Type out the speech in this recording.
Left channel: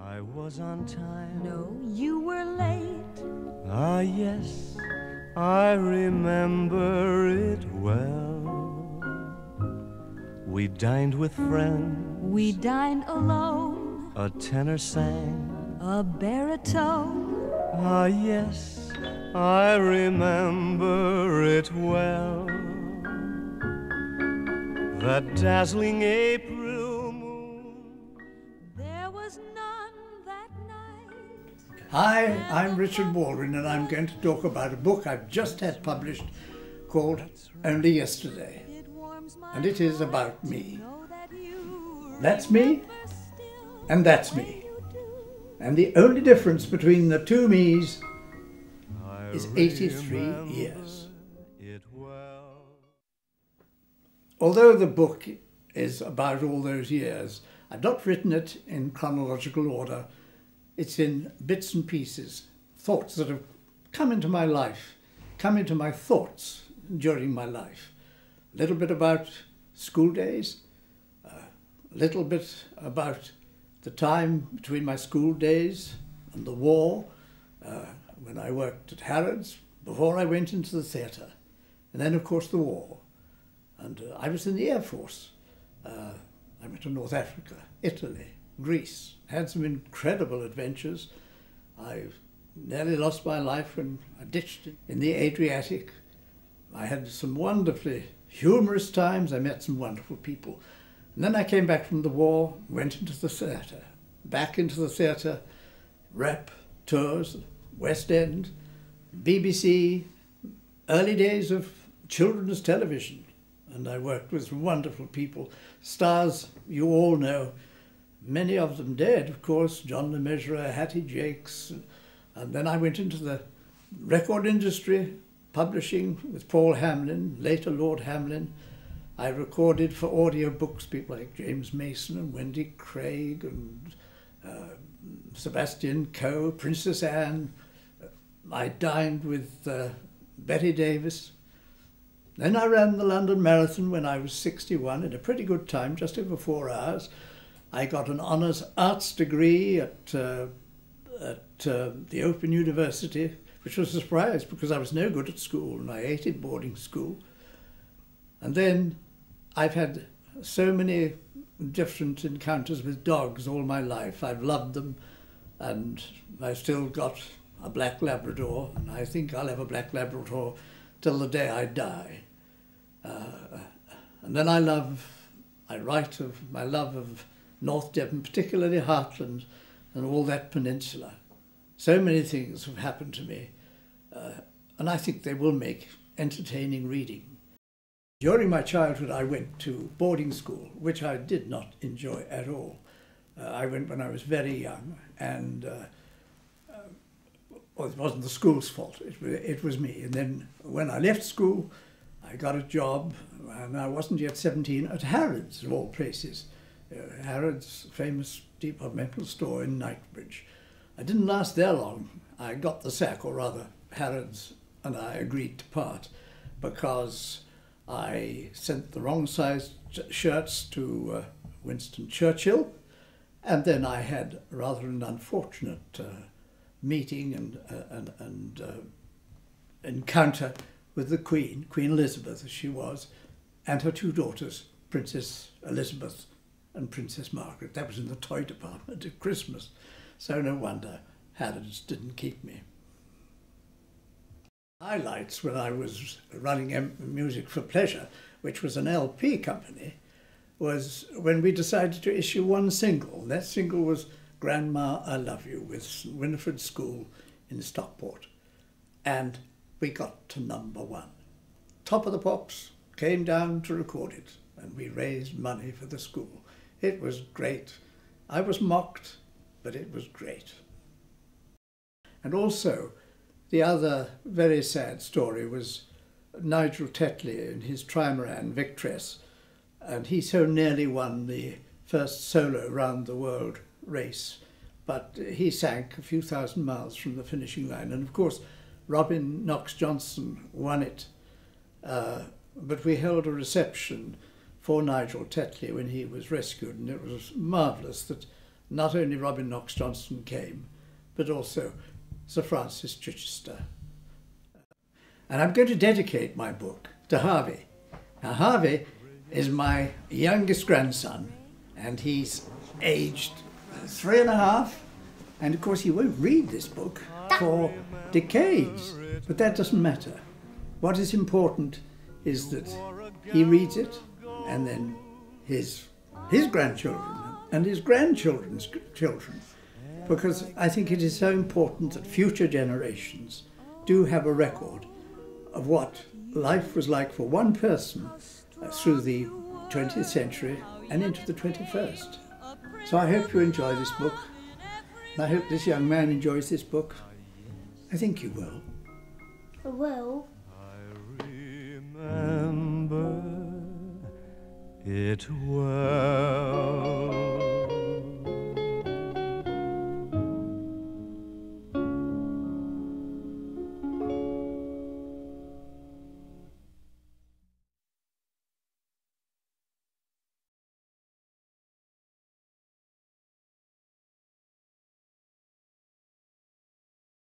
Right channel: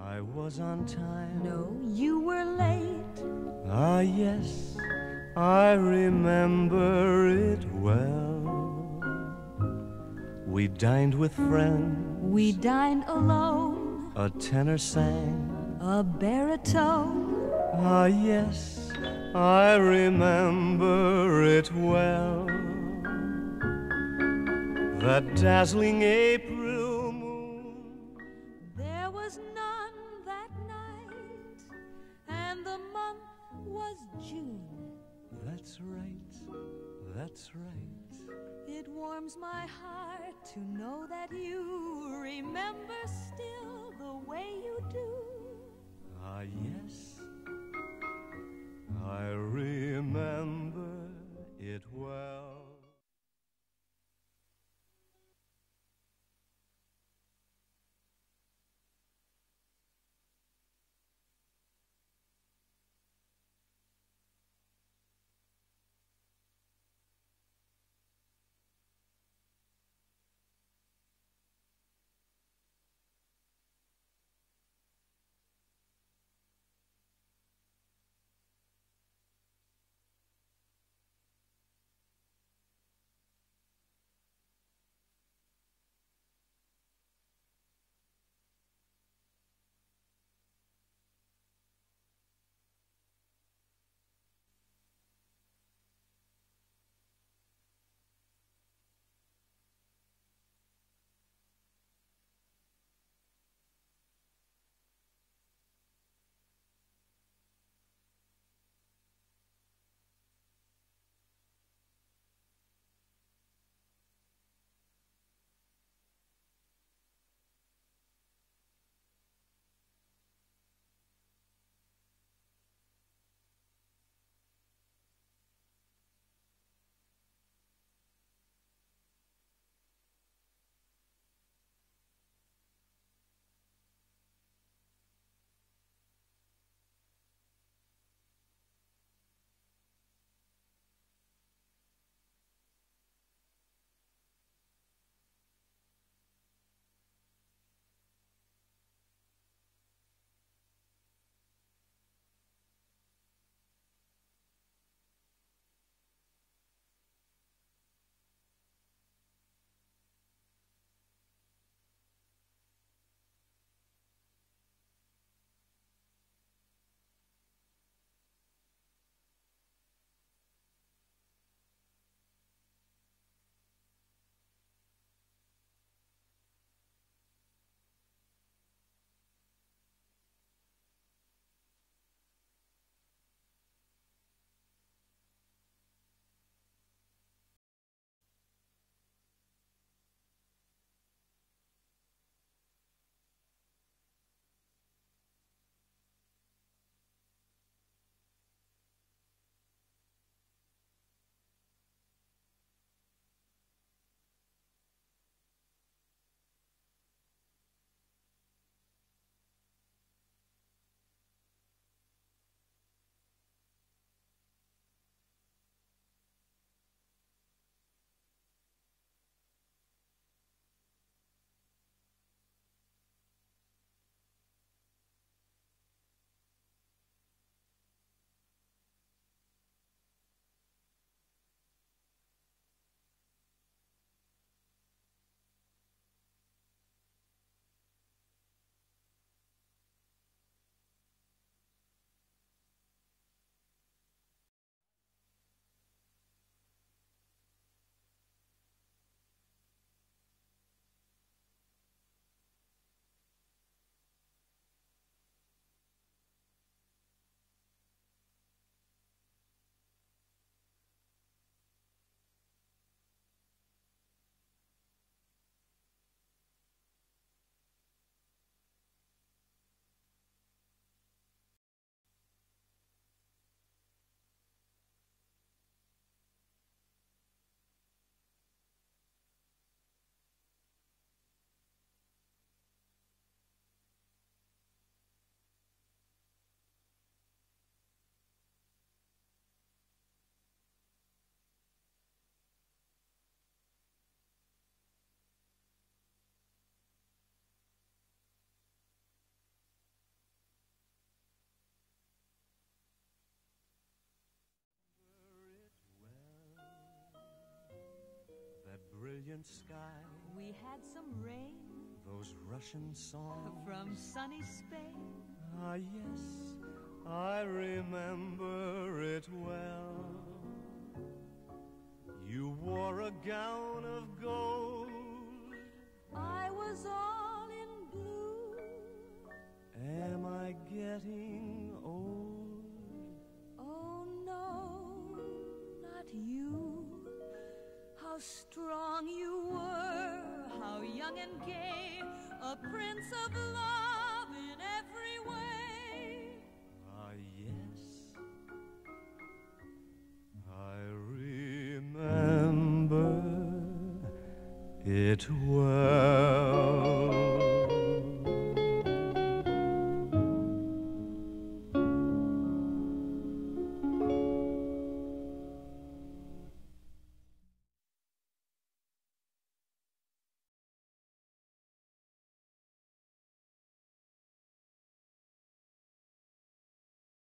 I was on time. No, you were late. Ah, yes, I remember it well. We dined with friends. We dined alone. A tenor sang. A baritone. Ah, yes, I remember it well. That dazzling April moon. There was none that night. Hi, I'm Richard Baldwyn, and I'm going to talk about a book I've just had published called Only Yesterday. And it is about me. That's me, and that's me. And the only difference between the two me's is 83 years. It well. Although the book is about all those years, I've not written it in chronological order. It's in bits and pieces, thoughts that have come into my life, come into my thoughts during my life. A little bit about school days, a little bit about the time between my school days and the war, when I worked at Harrods, before I went into the theatre, and then of course the war. And I was in the Air Force. I went to North Africa, Italy, Greece, had some incredible adventures. I nearly lost my life when I ditched it in the Adriatic. I had some wonderfully humorous times. I met some wonderful people. And then I came back from the war, went into the theatre, back into the theatre, rep, tours, West End, BBC, early days of children's television. And I worked with wonderful people, stars you all know, many of them dead, of course, John Le Mesurier, Hattie Jakes. And then I went into the record industry, publishing with Paul Hamlin, later Lord Hamlin. I recorded for audio books people like James Mason and Wendy Craig and Sebastian Coe, Princess Anne. I dined with Betty Davis. Then I ran the London Marathon when I was 61 in a pretty good time, just over 4 hours. I got an honours arts degree at the Open University, which was a surprise because I was no good at school and I hated boarding school. And then I've had so many different encounters with dogs all my life. I've loved them, and I've still got a black Labrador, and I think I'll have a black Labrador till the day I die. And then I write of my love of North Devon, particularly Hartland and all that peninsula. So many things have happened to me, and I think they will make entertaining reading. During my childhood I went to boarding school, which I did not enjoy at all. I went when I was very young, and well, it wasn't the school's fault, it was me. And then when I left school, I got a job, and I wasn't yet 17, at Harrods, of all places. Harrods, famous departmental store in Knightsbridge. I didn't last there long. I got the sack, or rather Harrods and I agreed to part, because I sent the wrong size shirts to Winston Churchill, and then I had rather an unfortunate meeting and encounter with the Queen, Queen Elizabeth as she was, and her two daughters, Princess Elizabeth and Princess Margaret. That was in the toy department at Christmas, so no wonder Harrods didn't keep me. Highlights when I was running Music for Pleasure, which was an LP company, was when we decided to issue one single. That single was Grandma, I Love You, with Winifred School in Stockport. And we got to #1. Top of the Pops came down to record it, and we raised money for the school. It was great. I was mocked, but it was great. And also, the other very sad story was Nigel Tetley in his trimaran Victress, and he so nearly won the first solo round the world race, but he sank a few thousand miles from the finishing line. And of course, Robin Knox-Johnson won it, but we held a reception for Nigel Tetley when he was rescued, and it was marvellous that not only Robin Knox Johnson came, but also Sir Francis Chichester. And I'm going to dedicate my book to Harvey. Now, Harvey is my youngest grandson, and he's aged 3.5, and of course he won't read this book for decades, but that doesn't matter. What is important is that he reads it, and then his grandchildren and his grandchildren's children, because I think it is so important that future generations do have a record of what life was like for one person through the 20th century and into the 21st. So I hope you enjoy this book. And I hope this young man enjoys this book. I think you will. I will. I remember it well.